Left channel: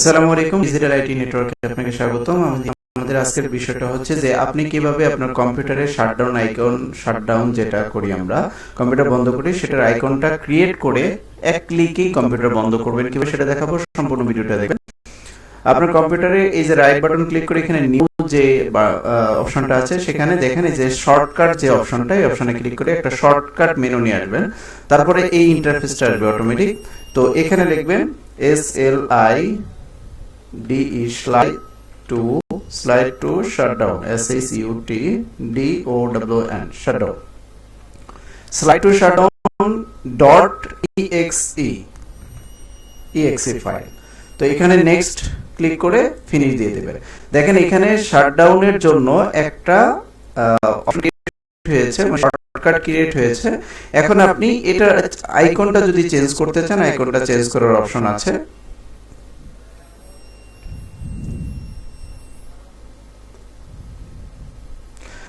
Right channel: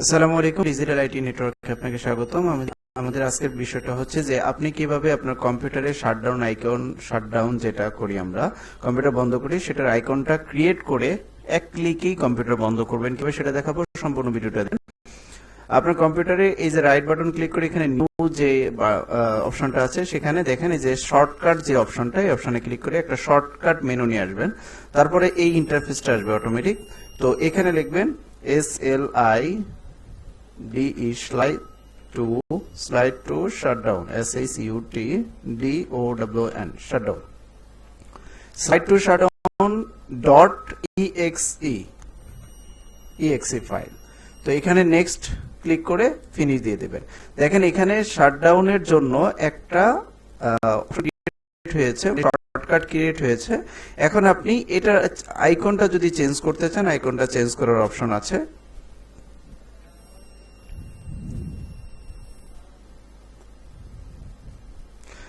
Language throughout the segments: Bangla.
আসসালামু আলাইকুম, ডিজিটাল আইটি নেটওয়ার্কে আপনাকে স্বাগতম। আমাদের আজকের বিষয়টা হচ্ছে যে আপনি কিভাবে আপনার কম্পিউটারে শাটডাউন আইকন, শাটডাউন যেটা করি আমরা, কম্পিউটার বন্ধ করি সেটার আইকনটা ক্রিয়েট করে এক ক্লিকেই কম্পিউটার বন্ধ করবেন কিভাবে সেটা দেখাবো। সম্পূর্ণ ভিডিওটা দেখবেন। আপনার কম্পিউটারে এই যে রাইট বাটন ক্লিক করে এখানে নিউ যে অপশনটা আছে সেখানে দেখেন যে শর্টকাট যে অপশনটা, এই অপশনে ক্লিক করে একটা শর্টকাট মেনু নিয়ে আসবেন। তারপরে এই ইন্টারফেসটা আসবে অটোমেটিক। তো এখানে লিখবেন SLIDE slide to shutdown, SHUTDOWN shutdown, slide to shutdown dot exe file. তো এখানে নেক্সট ক্লিক করে ফিনিশ দিয়ে দেবে। দেখেন এখানে শাটডাউনের জন্য একটা অপশন হয়েছে, শর্টকাট ক্রিয়েট হয়েছে। এখন আপনি এটা আইকনটা যদি চেঞ্জ করতে চান, আইকনটা চেঞ্জ করার অপশন আছে।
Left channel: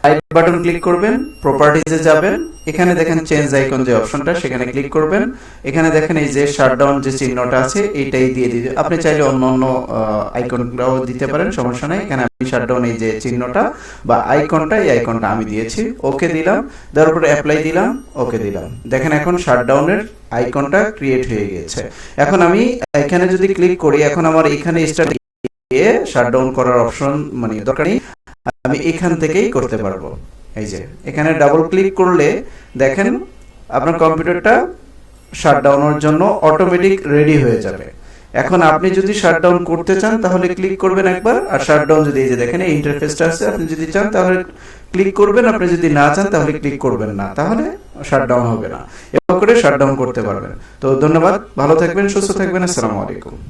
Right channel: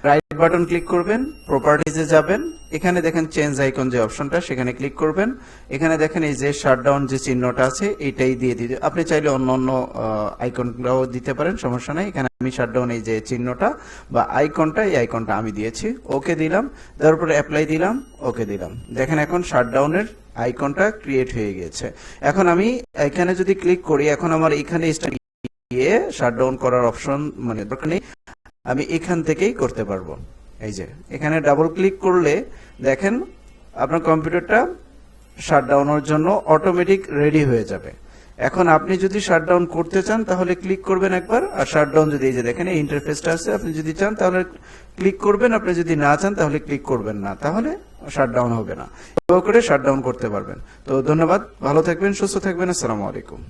রাইট বাটন ক্লিক করবেন, প্রপার্টিজে যাবেন, এখানে দেখেন চেঞ্জ আইকন যে অপশনটা সেখানে ক্লিক করবেন। এখানে দেখেন এই যে শাটডাউন যে চিহ্নটা আছে এইটাই দিয়ে দিবেন। আপনি চাইলে অন্য আইকনটাও দিতে পারেন, সমস্যা নাই। এখানে আমি শাটডাউন এই যে চিহ্নটা বা আইকনটা, এই আইকনটা আমি দিয়েছি। ওকে দিলাম, দেওয়ার পরে অ্যাপ্লাই দিলাম, ওকে দিলাম। দেখেন এখন শাটডাউনের আইকনটা ক্রিয়েট হয়ে গেছে। এখন আমি এখানে যদি ক্লিক করি, এখন আমার এখানে স্টার্ট দিয়ে শাটডাউন করার অপশন মানে দরকার নেই, আমি এখান থেকেই করতে পারবো। এই যে এখানে ডাবল ক্লিক করলে দেখেন আপনার কম্পিউটারটা শাটডাউনের জন্য অটোমেটিক রেডি হয়ে যাবে। এখন আপনি যদি শাটডাউন করতে চান তাহলে ক্লিক করবেন একবার, আর শাটডাউন যদি দেখেন এই ইন্টারফেসটা আছে, আপনি যদি চান তাহলে ক্লিক করবেন, আপনি যদি না চান তাহলে ক্লিক করবেন না, তাহলে শাটডাউন হবে না। এভাবে করে শাটডাউন করতে পারবেন। তো ধন্যবাদ, ভালো থাকবেন, সুস্থ থাকবেন, আসসালামু আলাইকুম।